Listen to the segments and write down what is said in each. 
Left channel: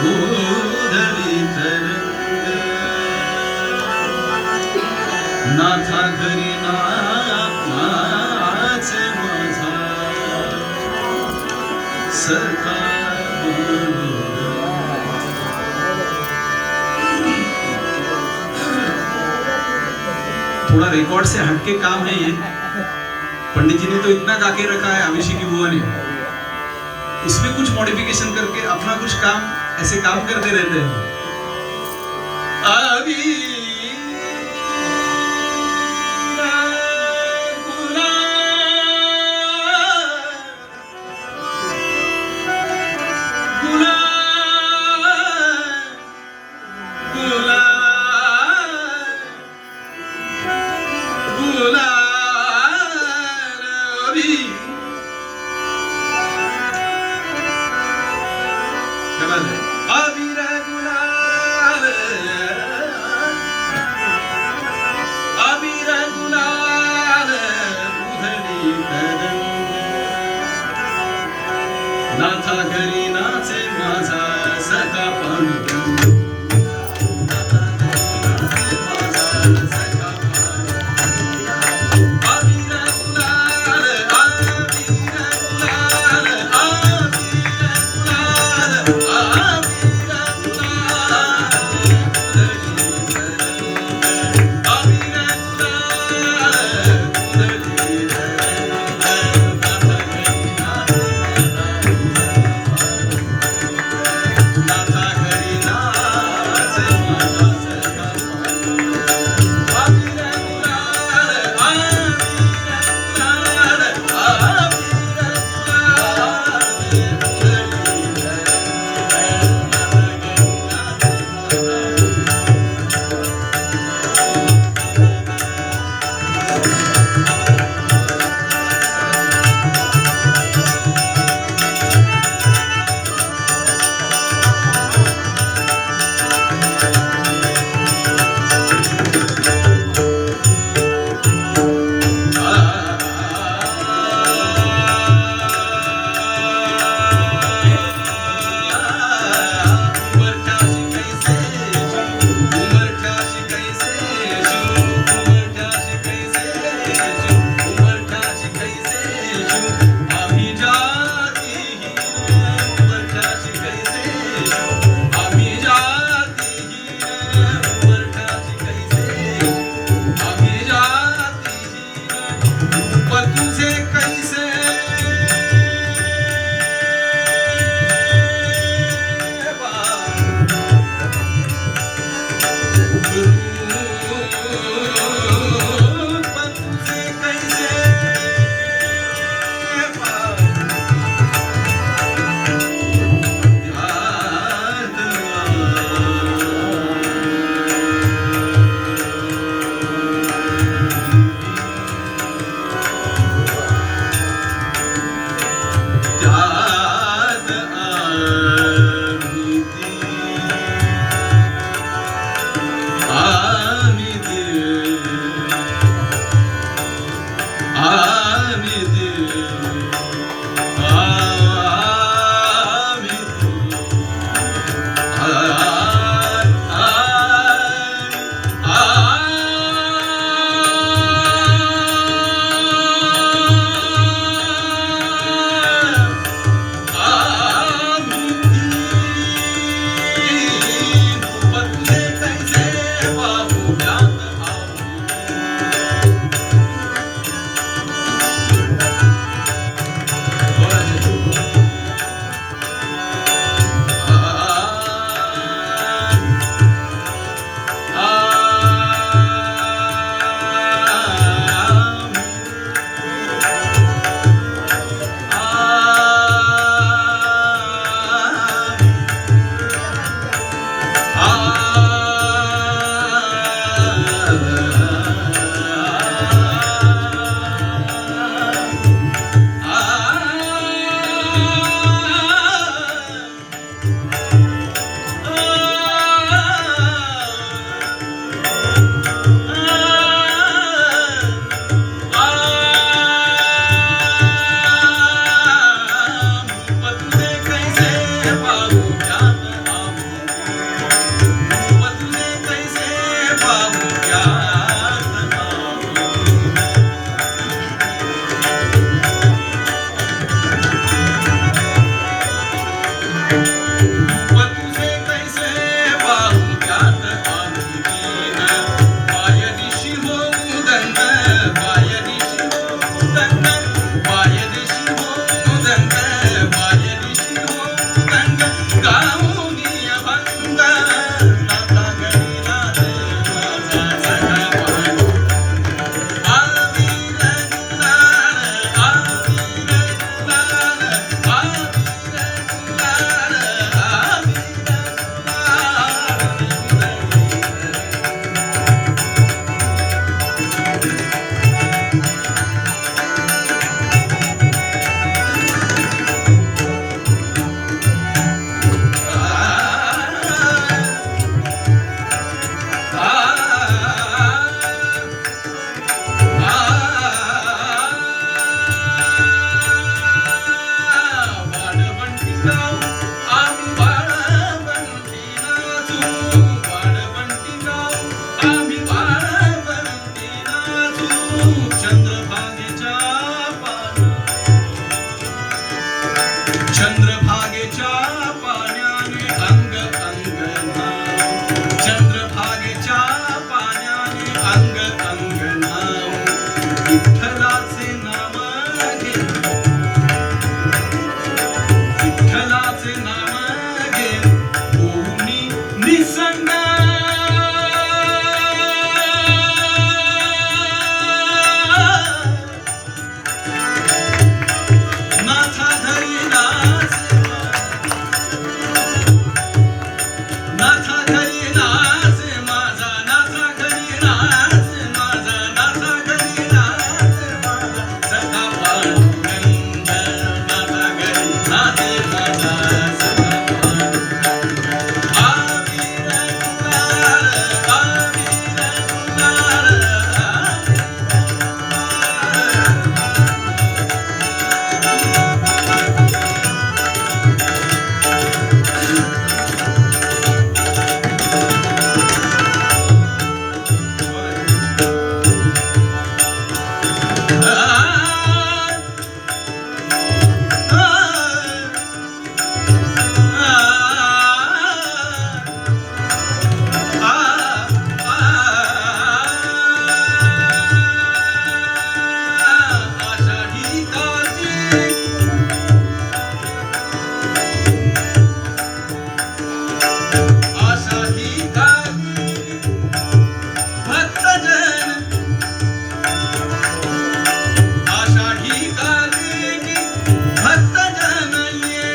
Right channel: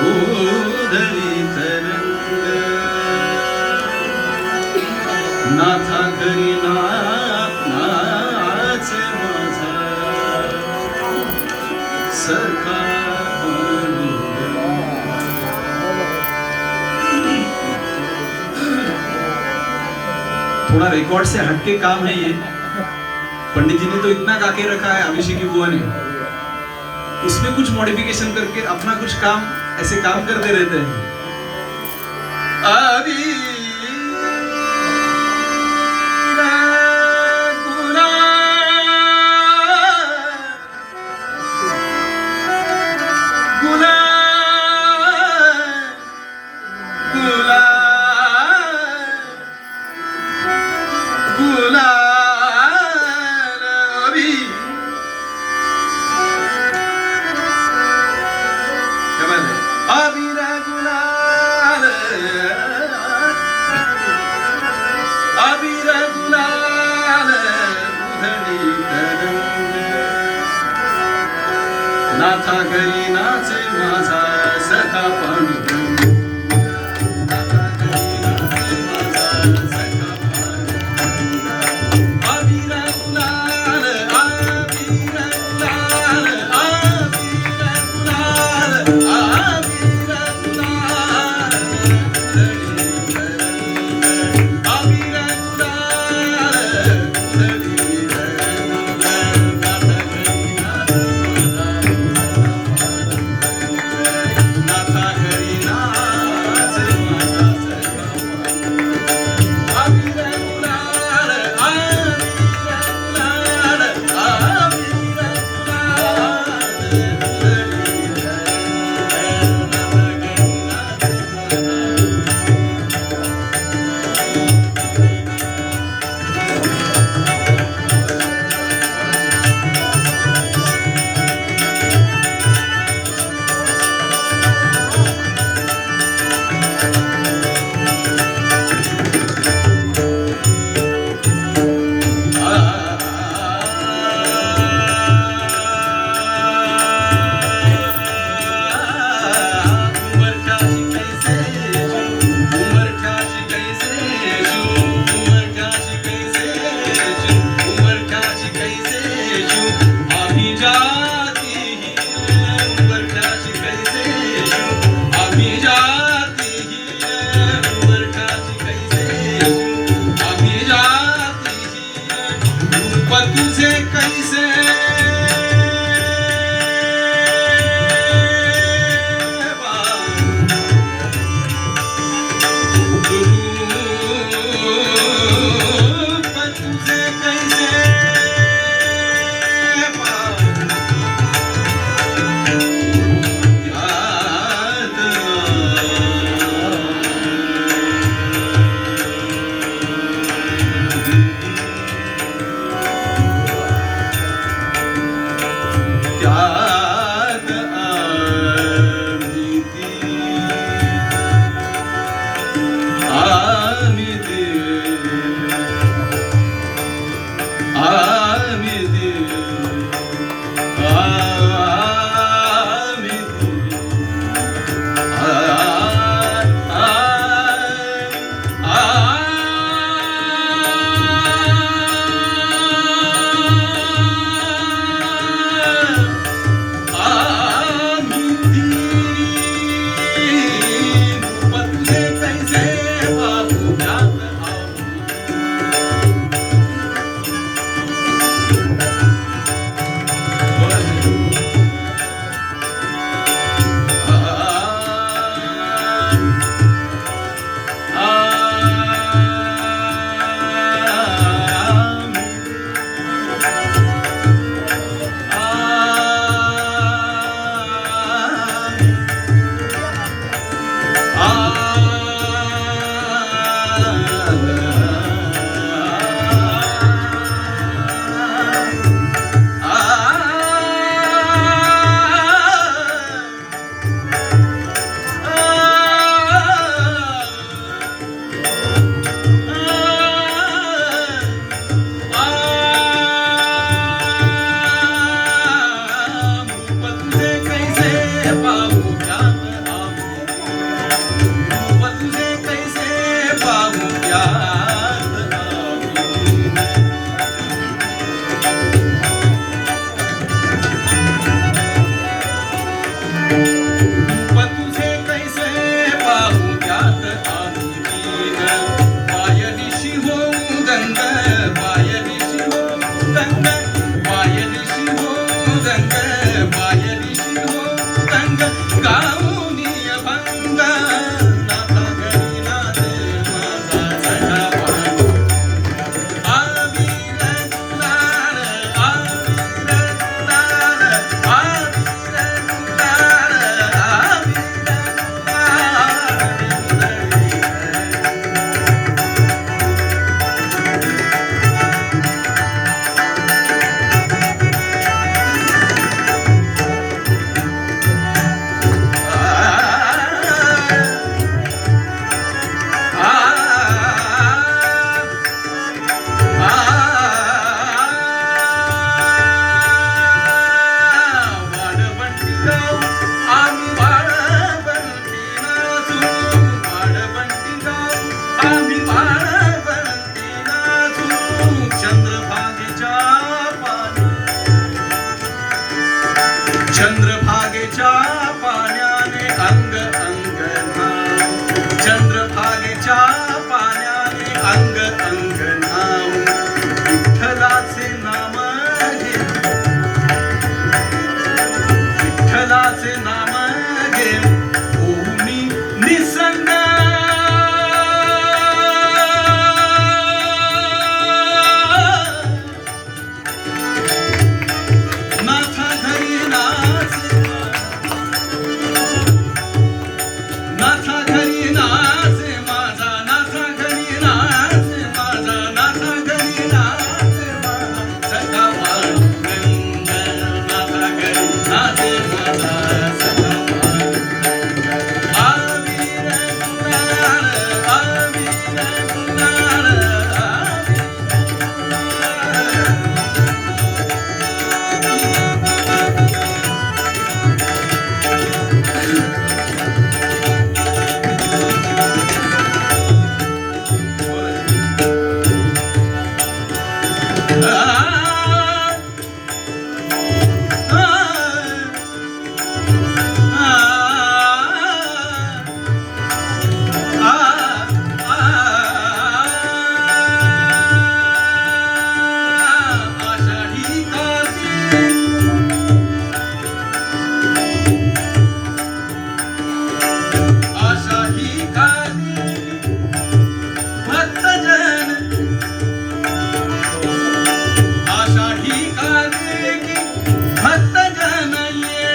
उधळी तरंग नाथा घरी नाच माझा सखा थोड़ा रिकॉर्ड से हटके काम है ये। पंडित जी ने तो इतना गा के रखा है अभिषेकी बुआ ने, उसमें कुछ मॉडिफिकेशन करके अपना कुछ काम ऐसे काम करते रहते हैं। अभी नाथा घरी नाचे माझा सखा पांडुरंग नाथा घरी नाचे माझा सखा पांडुरंग अबीर गुलाल अबीर गुलाल अबीर गुलाल अबीर गुलाल अबीर गुलाल नाथा घरी नाच रूप तुझे कैसे पाहू त्यात आम्ही दीन, पायरीशी होऊ दंग, पायरीशी होऊ दंग, पायरीशी होऊ दंग, पायरीशी होऊ दंग, गाऊनी अभंग नाथा घरी नाचे माझा सखा पाणी. आबीर गुलाल, आबीर गुलाल, आबीर गुलाल, वाळवंटीराव, आम्ही वाळवंटी नाचू, वाळवंटीराव, आम्ही वाळवंटी नाचू. चंद्रभागेच्या चंद्रभागेच्या पाण्याने अंग अंग नाव, चंद्रभागेच्या पाण्याने अंग अंग नाव. विठ्ठलाचे नाम घे, विठ्ठलाचे नाम घे, ओमी निसंग. नाथा घरी नाच, नाथा घरी नाच माझा, नाथा घरी नाच माझा, नाथा घरी नाच माझा सखा पांडुरंग, नाथा घरी नाच माझा सखा पांडुरंग. आबीर गुलाल, आबीर गुलाल, आषाढी कार्तिक, आषाढी कार्तिक भक्तजन, आषाढी कार्तिक भक्तजन ये,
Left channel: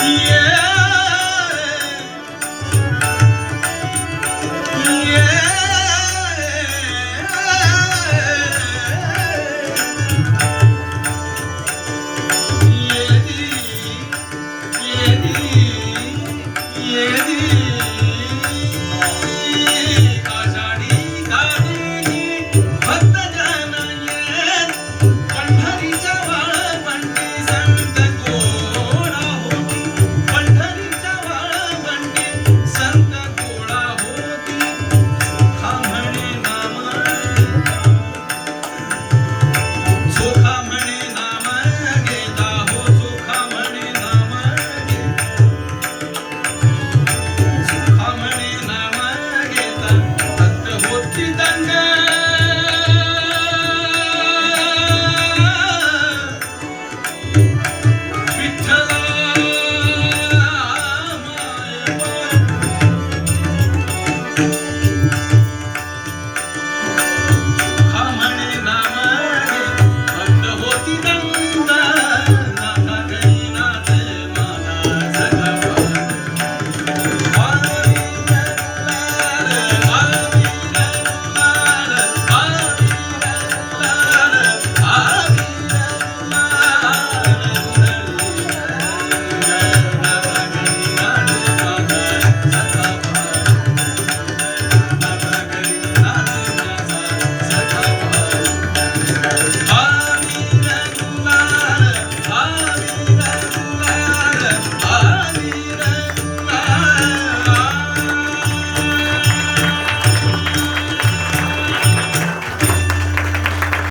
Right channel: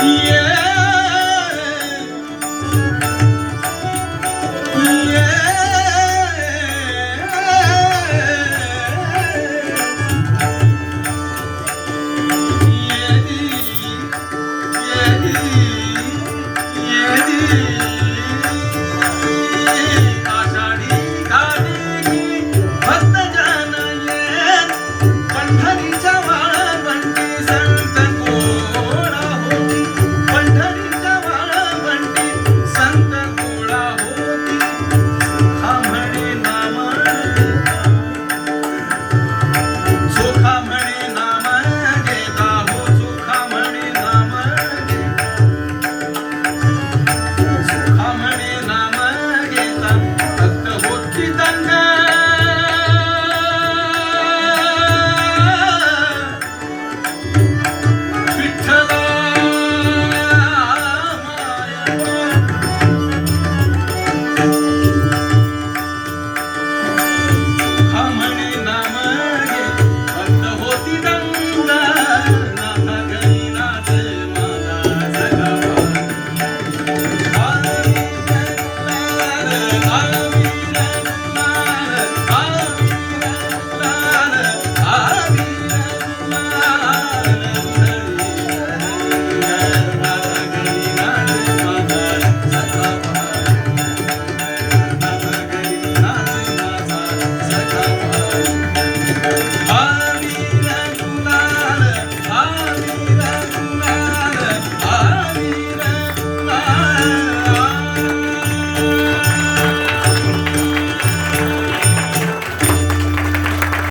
Yeah.